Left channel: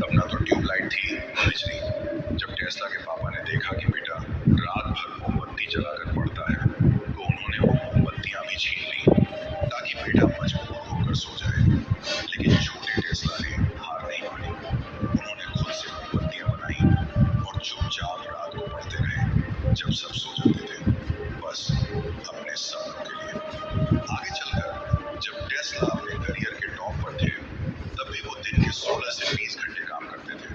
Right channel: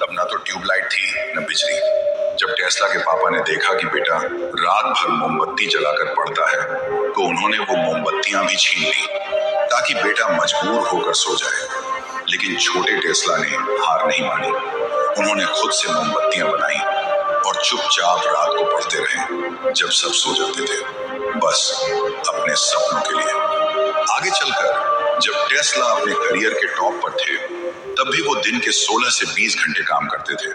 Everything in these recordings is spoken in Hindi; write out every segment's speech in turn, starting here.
तब ना तो ट्यूबलाइट थी न बिजली। जब टेस्ला के पापा ने देखा कि बेटा रात भर मोमबत्ती जलाकर पढ़ता है, तो उन्होंने वो मोमबत्तियां भी छीन ली ताकि बेटा मजबूर होकर सो जाए। लेकिन छोटे टेस्ला ने हार नहीं मानी। उन्होंने खुद से मोमबत्तियां बनाई और चुपचाप रात को पढ़ते रहे जब सब सो जाते थे, बस अपने सपनों के लिए। आगे चलकर जब टेस्ला अपने करियर के टॉप पर थे, तब भी वो दिन के 16 से 20 घंटे काम करते थे।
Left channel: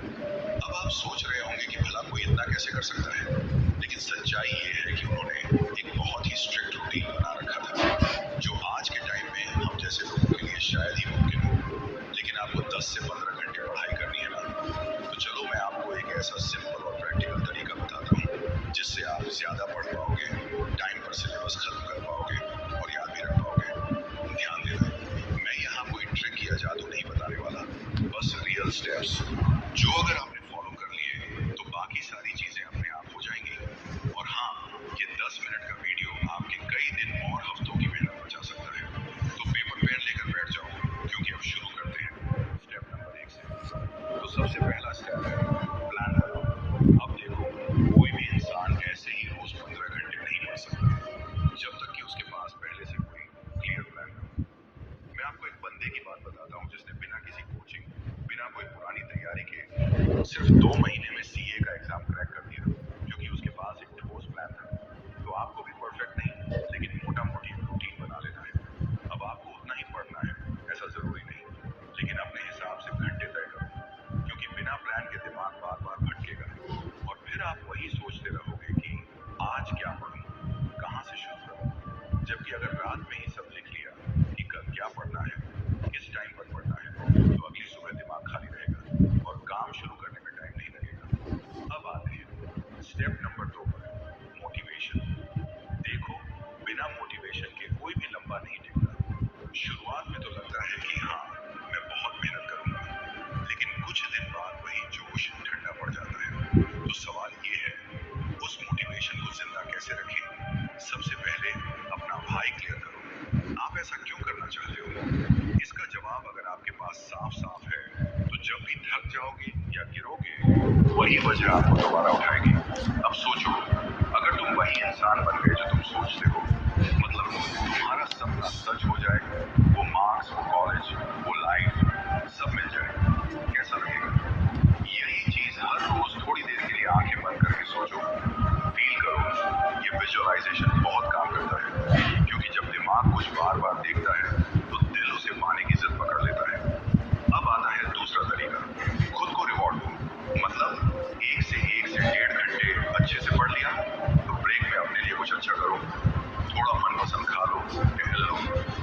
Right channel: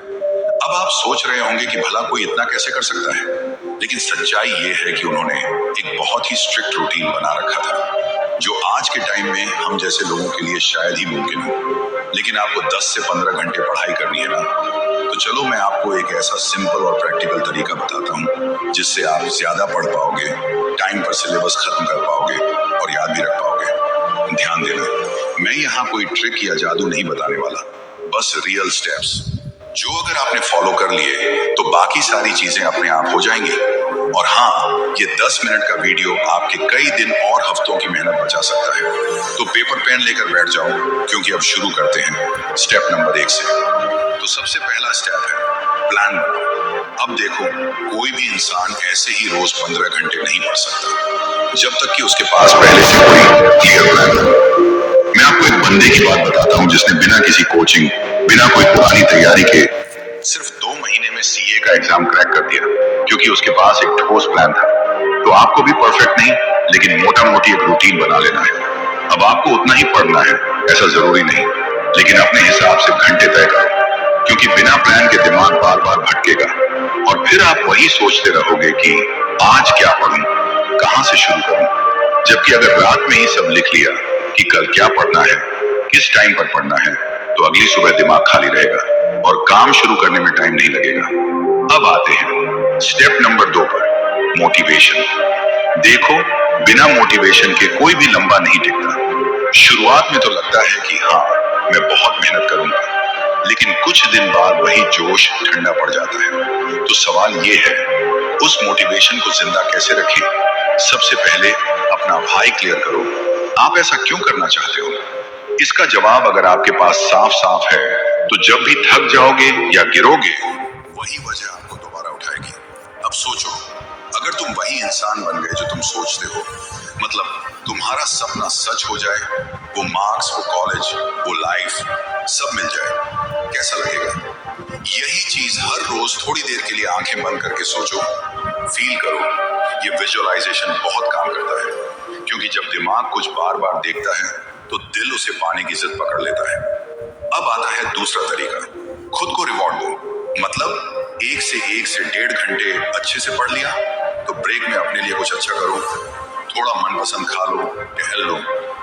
अब आप सोच रहे होंगे कि भला कोई इतना कैसे कर सकता है, लेकिन सच्चाई ये है कि उन्होंने एक बहुत ही स्ट्रिक्ट रूटीन बना रखा था, जो आज के टाइम में हम जैसे लोगों के लिए शायद ही मुमकिन हो। लेकिन आपको 10 से 15 घंटे पढ़ाई करनी है ना, तो चलो मैं आपको एक ऐसा सिंपल और प्रैक्टिकल तरीका बताता हूँ जिससे आप ज्यादा पढ़ पाओगे, टाइम पर सिलेबस खत्म कर पाओगे और याद भी रख पाओगे। ध्यान देना, मैं यहाँ कोई ट्रिक या जादू नहीं बताने वाला, बस रियल स्टेप्स जो अगर आपने फॉलो कर लिए तो बाकी सारी चीजें अपने आप हो जाएंगी। और हाँ, ये 10 मिनट का वीडियो आपके कई दिन और हफ्तों की मेहनत बचा सकता है। तो पेपर पेन लेकर बैठ जाओ, क्योंकि अब शुरू करते हैं स्टेप नंबर 1 से। तो सबसे पहला स्टेप है प्लान बनाओ। अब देखो, कोई भी इंसान ऐसे ही रोज 15 घंटे नहीं पढ़ सकता जब तक कि उसके पास पहले से कोई क्लियर प्लान हो। मैं आपको एक बंदे की बात बताता हूँ जिसने बिना किसी कोचिंग, बिना कोई पुरानी तैयारी के सिर्फ 2 महीने में सीए का एग्जाम क्रैक कर दिया, क्योंकि उसके पास एक ठोस प्लान था। तो आपको भी परफेक्ट नहीं, लेकिन मोटा मोटी एक रूटीन बना लेना है। अब आपको उतना ही पढ़ना है ऐसा जरूरी नहीं, लेकिन अपने हिसाब से घंटे तय करो, क्योंकि बिना प्लान के दिमाग बार बार भटकेगा और फिर आप वही सोचते रहोगे कि आज क्या पढ़ूं, कहां से शुरू करूं। जबकि अगर रात में ही सब लिख लिया कि कल क्या पढ़ना है, किस टाइम पर पढ़ना है, तो अगली सुबह दिमाग खाली रहेगा और काम शुरू करने में टाइम नहीं लगेगा। अब आते हैं स्टेप नंबर 2 पर, मोटिवेशन। देखो, बिना मोटिवेशन के कोई भी लंबा नहीं टिकता। शुरुआत में तो लगता है कि हाँ, मैं बहुत मेहनत करूंगा, लेकिन कुछ दिन बाद वही जोश ठंडा पड़ जाता है। तो सवाल ये है, उस मोटिवेशन को जिंदा कैसे रखें? सबसे पहले अपना व्हाई क्लियर करो। आप ऐसा क्यों करना चाहते हो? इसका जवाब अगर आपके पास साफ साफ है, तो जब भी थक जाओगे या गिरोगे, वही वजह आपको दोबारा उठाएगी। अब सोचो, अगर तुम वही इंसान बन गए जो तुम सोचते हो, मतलब तुम्हारा सपना सच हो जाए, वो मार्क्स, वो कॉलेज, वो लाइफ सब मिल जाए, कैसा लगेगा? यही चीज हर रोज थोड़ी देर के लिए आंखें बंद करके सोचो, फील करो। ये विजुअलाइजेशन बहुत काम करता है, क्योंकि जब दिमाग कुछ बार बार देखता है तो दिल उसे पाने की जिद पकड़ लेता है। अब आता है दूसरा तरीका, खुद को रिवॉर्ड दो। मतलब 1 से 1.5 घंटे अच्छे से पढ़ लिया, तो ब्रेक में अपने लिए कुछ अच्छा करो, थोड़ा मनपसंद खा लो, टहल लो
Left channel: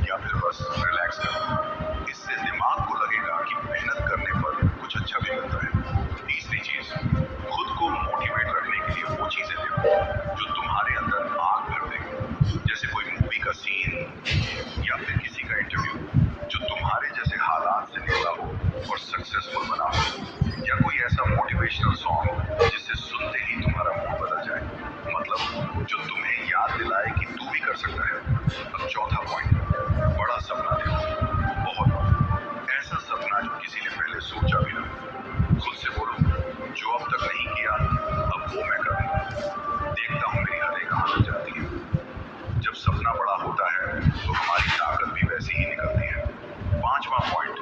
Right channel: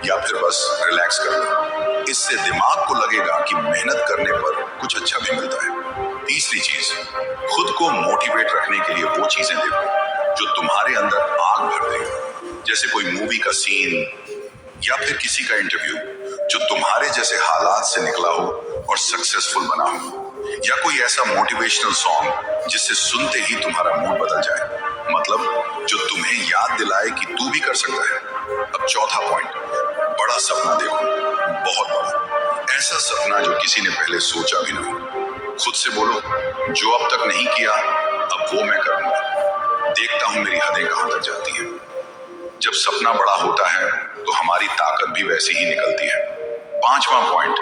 या फिर बस रिलैक्स कर लो। इससे दिमाग को लगेगा कि मेहनत करने पर कुछ अच्छा भी मिलता है। तीसरी चीज, खुद को मोटिवेट रखने के लिए वो चीजें देखो जो तुम्हारे अंदर आग भर दे, जैसे कोई मूवी का सीन या फिर किसी का इंटरव्यू जो तुम्हारे जैसे हालात से निकला हो और सक्सेसफुल बना हो, या कोई ऐसा मोटिवेशनल सॉन्ग जिससे सुनते ही तुम्हारा मूड बदल जाए, मतलब जो तुम्हें याद दिलाए कि तू भी कर सकता है। अब चौथा पॉइंट, बड़ा सपना देखो, बहुत बड़ा, ऐसा सपना जो किसी ने पहले सोचा भी ना हो। खुद से बोलो, जो अब तक नहीं किया अब वो मैं करूंगा, देखता हूं मेरी हदें कहां तक जाती हैं। जब सपना बड़ा होता है तो हमारी ताकत भी वैसी ही निकलती है। पांचवा पॉइंट,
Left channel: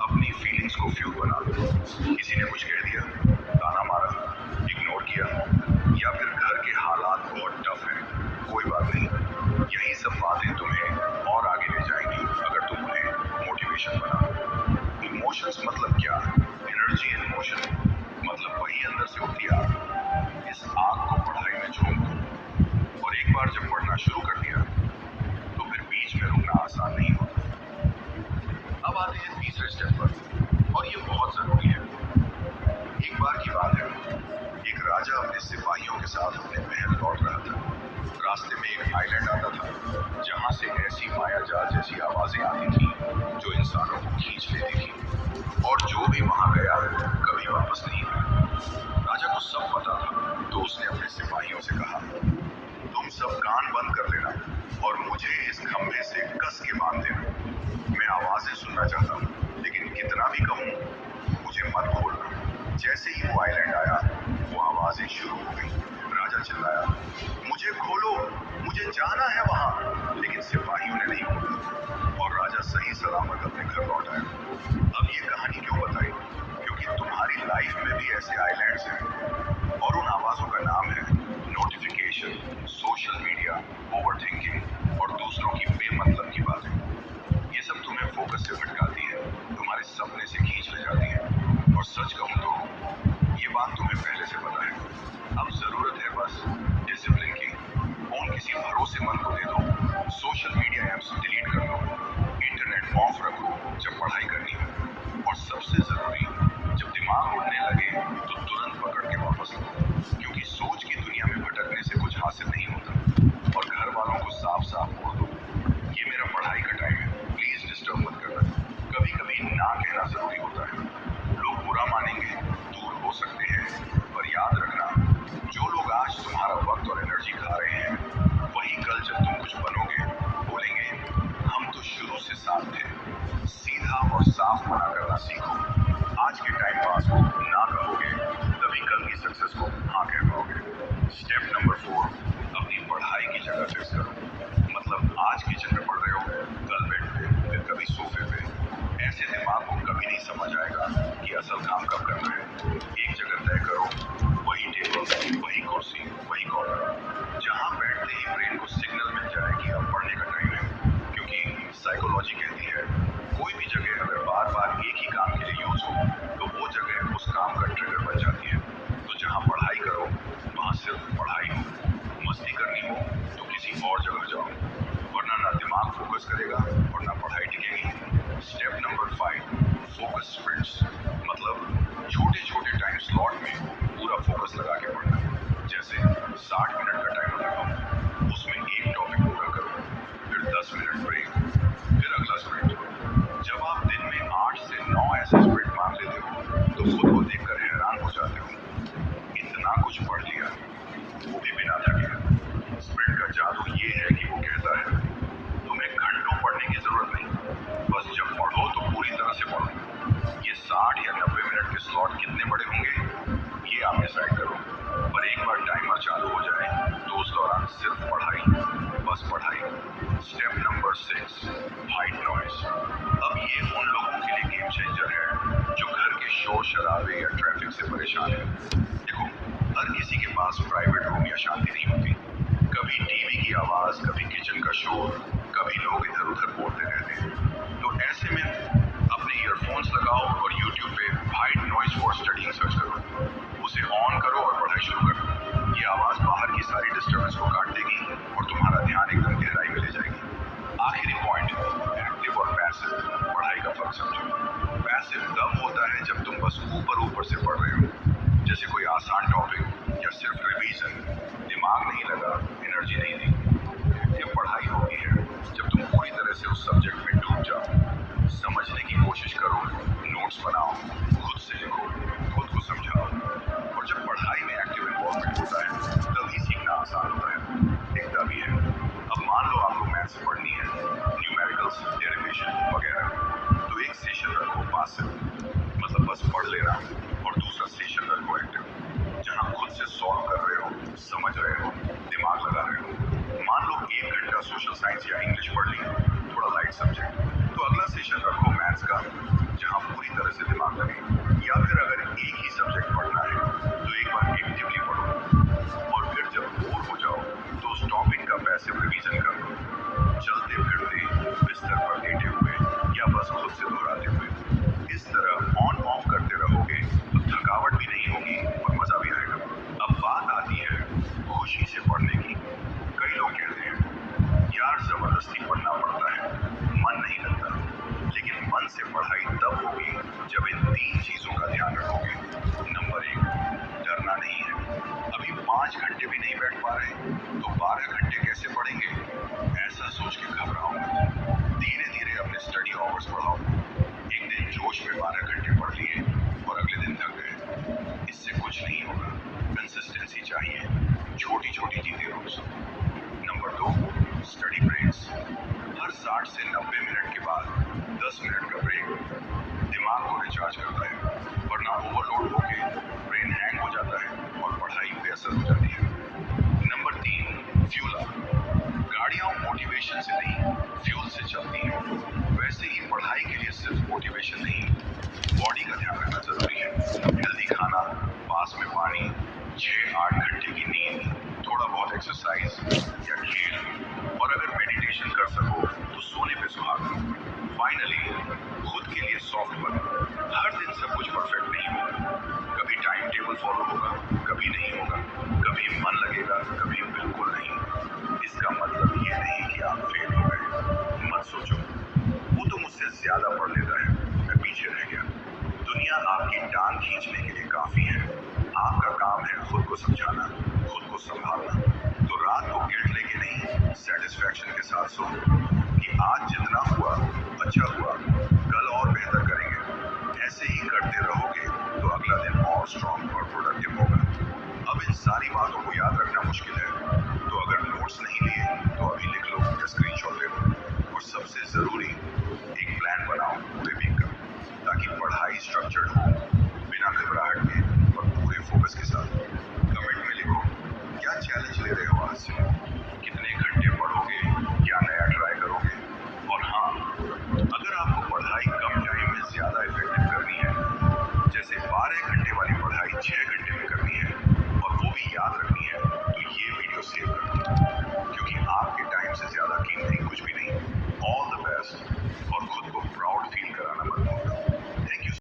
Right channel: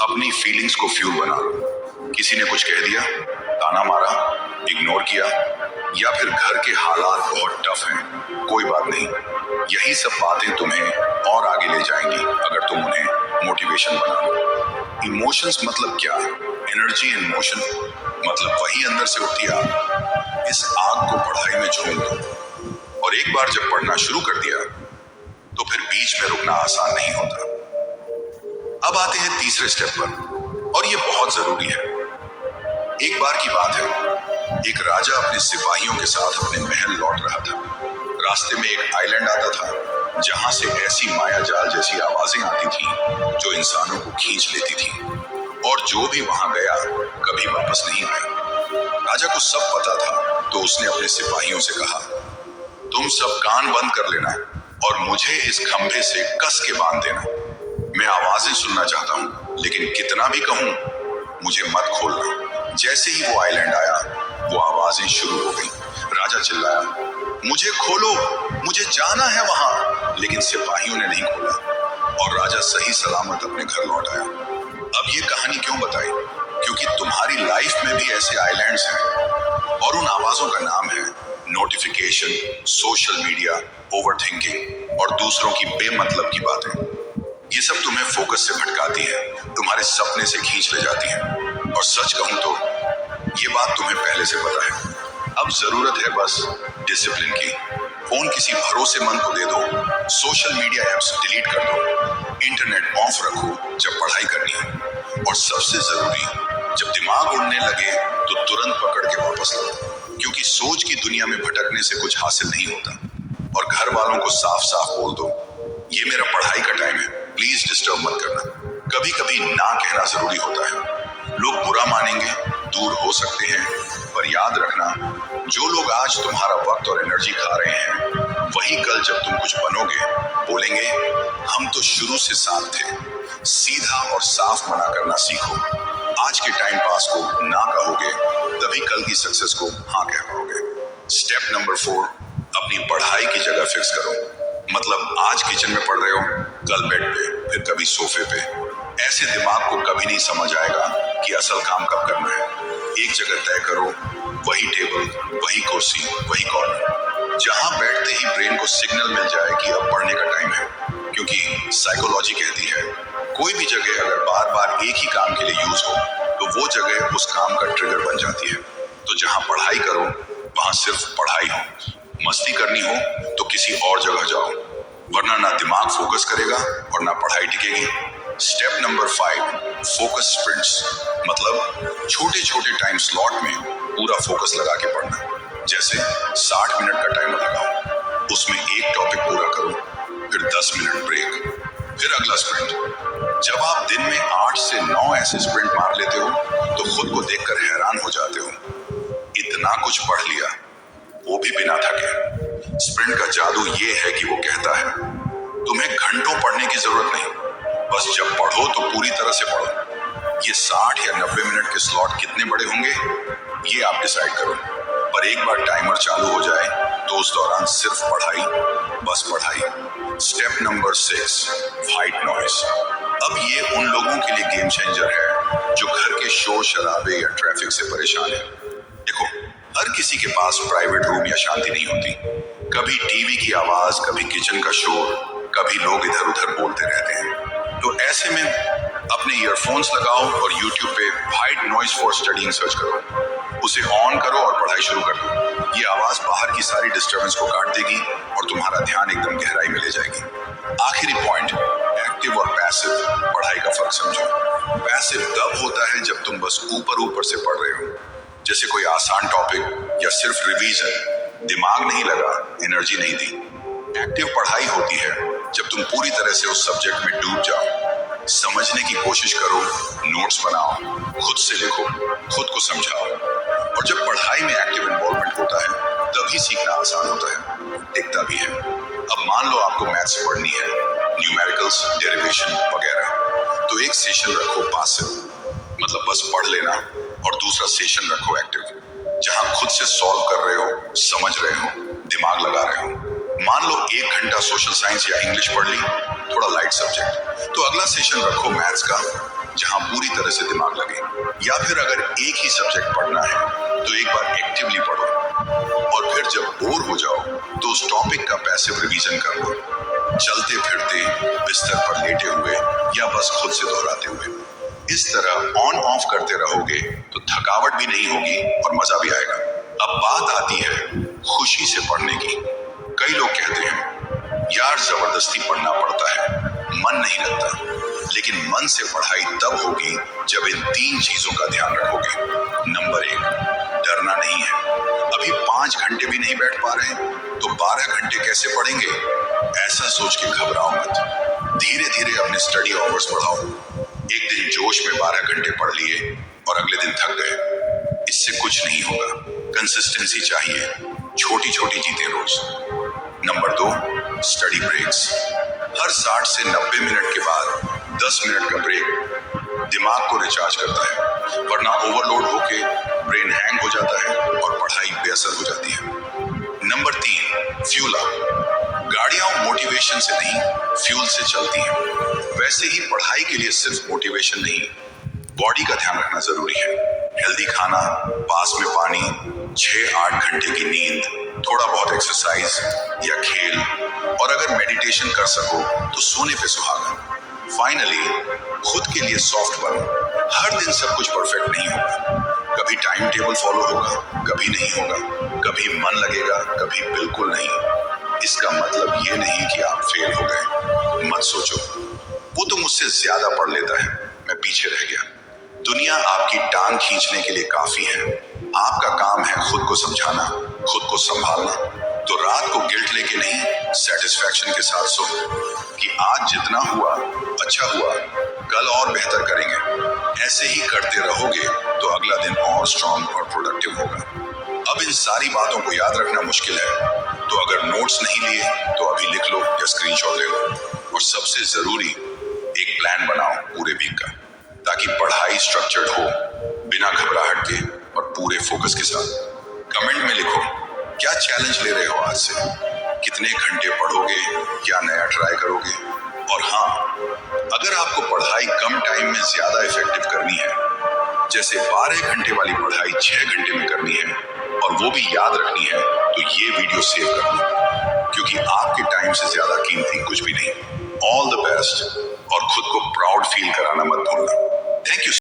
अपनी फीलिंग्स को फ्यूल बना लो। किसी ने कुछ कह दिया, ताना मारा, इग्नोर किया, या फिर घर के हालात बहुत टफ हैं, कोई बात नहीं, यही सब बातें तुम्हें और आगे ले जाएंगी अगर तुम उन्हें मोटिवेशन बना लो। इमोशंस मतलब क्या? एनर्जी इन मोशन, मतलब वही अंदर से उठती आग। इस आग को पढ़ाई में झोंक दो, और एक बार जब पढ़ना शुरू कर दिया तो फिर बीच में रुकना आसान नहीं होता। अब आते हैं तीसरे स्टेप पर, और ये बहुत जरूरी है। एक बार की बात है, एक राजा अपने सिपाहियों के साथ अपने महल लौट रहा था। रास्ते में एक आइलैंड आता था जहां से ऐसी माया जाल जैसी आवाजें आती थी जो इंसानों को खींच लेती थी, और जो भी वहां गया कभी वापस नहीं आया। राजा को सब पता था, तो उसने अपने सिपाहियों से कहा, तुम सब कान बंद कर लेना और मुझे इस खंभे से कस के बांध देना। मैं आवाजें सुनना चाहता हूं, लेकिन कितना भी कहूं मुझे मत खोलना। जैसे ही वो आइलैंड आया, वो आवाजें शुरू हो गई। राजा चिल्लाया, मुझे खोलो, मुझे जाना है वहां। लेकिन सिपाहियों ने नहीं खोला और राजा सही सलामत अपने घर लौट आया। अब ये कहानी क्यों बताई? क्योंकि तुम्हारी लाइफ में भी ऐसे आइलैंड्स हैं और उन आवाजों का नाम है नोटिफिकेशन, सोशल मीडिया, ओवरथिंकिंग और दूसरों की बेमतलब की बातें। ये सब तुम्हें फोकस से भटकाती है, तुम्हारे सपने से खींच ले जाती है। और सच कहूं तो ये बात तुम्हें पहले से पता है। अब जरूरत है बस डिसिप्लिन की। फोन किसी भरोसेमंद को दे दो, सोशल मीडिया ऐप्स डिलीट कर दो, इंटरनेट ऑफ रखो जब पढ़ाई करनी है, और सबसे जरूरी, जब दिमाग उड़ने लगे तो तुरंत पकड़ के वापस लो। क्योंकि सोच की दुनिया में भटकने से कुछ हासिल नहीं होता। और घर वालों को साफ साफ बोल दो, ये मेरा पढ़ाई का टाइम है, प्लीज डिस्टर्ब मत करना। कभी कभी ना कहना जरूरी होता है। लोग बुरा मानेंगे, दूर हो सकते हैं, पर याद रखना, जो लोग आज तुम्हारा वक्त और एनर्जी खा रहे हैं, वही कल जब तुम कुछ बनोगे बोलेंगे, हम तो शुरू से साथ थे। सीधा और साफ मना करना सीखो। आज के टाइम पास को ना कहोगे, तभी कल की सक्सेस को हाँ कह पाओगे। स्टेप नंबर 4, अपनी पढ़ाई की जगह फिक्स करो। मतलब आज किचन में पढ़ रहे हो, कल बेड पे, फिर कभी सोफे पे। ऐसे दिमाग को कभी नहीं समझ आएगा कि असल काम कब करना है। एक जगह तय करो, वही टेबल, वही कुर्सी, वही कॉर्नर, जहां बैठते ही ब्रेन को सिग्नल मिल जाए कि अब पढ़ने का टाइम है। क्योंकि साइकोलॉजी कहती है, कोई भी जगह अगर बार बार एक ही काम के लिए यूज हो, तो वो जगह उस काम का ट्रिगर बन जाती है। तो जहां पढ़ाई करो, वहां सिर्फ पढ़ाई हो। मस्ती करनी हो तो किसी और जगह जाओ, वरना ना दिमाग फोकस करेगा और ना पढ़ाई टिकेगी। Step number 5, focus sprints. मतलब छोटे छोटे टाइम स्लॉट में पूरा फोकस लगा के पढ़ना। जैसे 60 मिनट का टाइमर लगाओ, उसमें एक टॉपिक पूरा करो, फिर 10 मिनट ब्रेक, फिर अगला स्प्रिंट। जब आप दिन में 8 से 9 ऐसे स्प्रिंट मार लेते हो, तो खुद को देखकर हैरान हो जाते हो। इतना कुछ पढ़ लिया, वो भी बिना थके। स्प्रिंट का जादू ये है कि वो कहता है, तुम्हें घंटों पढ़ने की जरूरत नहीं, बस जब पढ़ो तो पूरी तरह से पढ़ो। ये 60 या 90 मिनट के स्लॉट कितने बड़े होंगे, ये आप डिसाइड करो। पर एक बार टाइमर चालू हो जाए तो उस दौरान सिर्फ पढ़ाई, बस पढ़ाई। Step number 6, white noise. अब ये उन लोगों के लिए गेम चेंजर है जो घर के शोर शराबे या ट्रैफिक से परेशान है। देखो, हर किसी के पास प्राइवेट रूम या शांति नहीं होती। कभी टीवी की आवाज, कभी किचन का शोर, कभी लोग इधर उधर बोलते रहते हैं। तो ऐसे में अपने ईयरफोन्स लगाओ और YouTube पे white noise for studying search करो। उसे ऑन करो और पढ़ाई शुरू कर दो। ये आवाज बाहर की सारी डिस्टर्बेंस को काट देगी और तुम्हारा ध्यान एकदम गहराई में ले जाएगी। आखिरी पॉइंट, एक्टिव और पैसिव पढ़ाई का फर्क समझो। पैसिव तब होता है जब तुम बस ऊपर ऊपर से पढ़ रहे हो, जैसे कोई आसान टॉपिक या सिर्फ रिवीजन, दिमाग नहीं लगा, एनर्जी नहीं दी। एक्टिव पढ़ाई होती है जब तुम पूरी तरह से उस सब्जेक्ट में डूब जाओ, समझने की कोशिश करो, नोट्स बनाओ, खुद से लिखो, खुद को समझाओ। और जब पढ़ाई में एक्टिव इन्वॉल्वमेंट होता है, तभी सीखना आसान होता है, टिकता भी है। अब मान लो आपको मैथ्स पढ़नी है, न्यूमेरिकल्स, डेरिवेशन वगैरह, तो एक सेशन रखो पैसिव, मतलब बस पढ़ लेना, और दूसरा सेशन रखो एक्टिव, जहां खुद से सॉल्व कर रहे हो, समझ रहे हो, दिमाग लगा रहे हो। मान लो 1 घंटा सोशल साइंस या इंग्लिश पढ़ ली, थोड़ा लाइट सब्जेक्ट, तो अगला सेशन रखो मैथ्स का, जहां पूरी तरह से दिमाग लगे। या फिर अगर एक ही सब्जेक्ट पढ़ना है, तो एक बार एक्टिवली पढ़ो, और फिर जब बोर हो जाओ तो उस टॉपिक का पैसिव रिवीजन कर लो, चलते फिरते, बिस्तर पर लेटे हुए, या बस खुद से दोहराते हुए। इस तरह ऑन ऑफ करते रहोगे तो थकावट भी नहीं होगी और मजा भी आएगा। अब बात आती है खुशी से पढ़ने की। कई लोग कहते हैं, यार जबरदस्ती पढ़ना पड़ता है, मन नहीं लगता। लेकिन मन से पढ़ाई तब होगी जब इन 3 चीजों का ध्यान रखोगे। नंबर 1, डरना नहीं है। अभी 5 घंटे भी नहीं बैठ पा रहे तो 12 घंटे कैसे पढ़ेंगे, ऐसा सोच के घबराओ मत। धीरे धीरे अपने स्टडी आवर्स बढ़ाओ। एक दिन जोश में 12 घंटे पढ़ लिए और अगले दिन थक गए, इससे कुछ नहीं होगा। कंसिस्टेंसी चाहिए, छोटी छोटी जीतें रोज। Number 2, study breaks. हर 60 से 90 मिनट के बाद 10 मिनट का ब्रेक, दिमाग को रिचार्ज करता है, वरना ओवरलोड होके ब्रेन हैंग हो जाता है और पढ़ाई बेअसर हो जाती है। Number 3, fuel up. गाड़ियां मोटिवेशन से नहीं, फ्यूल से चलती हैं। वैसे ही पढ़ाई के लिए सिर्फ मोटिवेशन नहीं, बॉडी का ध्यान रखना जरूरी है। हेल्दी खाना, पास में पानी, 6-8 घंटे की नींद, थोड़ा बहुत एक्सरसाइज या खेल, और अगर मेडिटेशन कर सको तो सोने पे सुहागा। फाइनली, खुद के लिए सॉफ्ट बनो। हर दिन सब कुछ परफेक्ट नहीं होगा। कभी टाइम टेबल फॉलो होगा, कभी नहीं होगा, कभी मन लगेगा, कभी बिल्कुल नहीं। इसका मतलब ये नहीं कि आप फेल हो गए। मत सोचो वो तो मुझसे ज्यादा पढ़ लेता है, मैं पीछे रह गया। दुनिया आपकी टांग खींचने के लिए काफी है। आपका काम है खुद को समझाना, खुद को संभालना। तो रात को गिल्ट लेके नहीं, सेटिस्फैक्शन के साथ सो कि आज जितना हुआ अच्छा हुआ, कल और बेहतर करेंगे। ऐसे ही करते रहोगे तो अगला दिन और स्ट्रांग और प्रोडक्टिव होगा। अब इन सारी बातों को याद रखना मुश्किल है, तो अगर नोट्स नहीं लिए तो अभी लिख लो या स्क्रीनशॉट ले लो। और सबसे जरूरी, एक प्लान बनाओ पूरे वीक का, ताकि पढ़ाई स्ट्रक्चर्ड हो, बिना घबराहट के और पूरे फोकस के साथ। कमेंट में लिखो क्या चैलेंज ले रहे हो आज से, कितने घंटे पढ़ोगे, क्या नया ट्राई करोगे। और हाँ, अगर आपको पढ़ाई कम टाइम में ज्यादा इफेक्टिव करनी है, जैसे 12 घंटे वाली पढ़ाई 6 घंटे में करनी है और वो भी याद रखनी है, तो ये वीडियो सेव कर लो, क्योंकि आपके टाइम से ज्यादा कीमती कुछ भी नहीं। ऑल द बेस्ट, और खुद को प्राउड फील कराना मत भूलना। Thank you.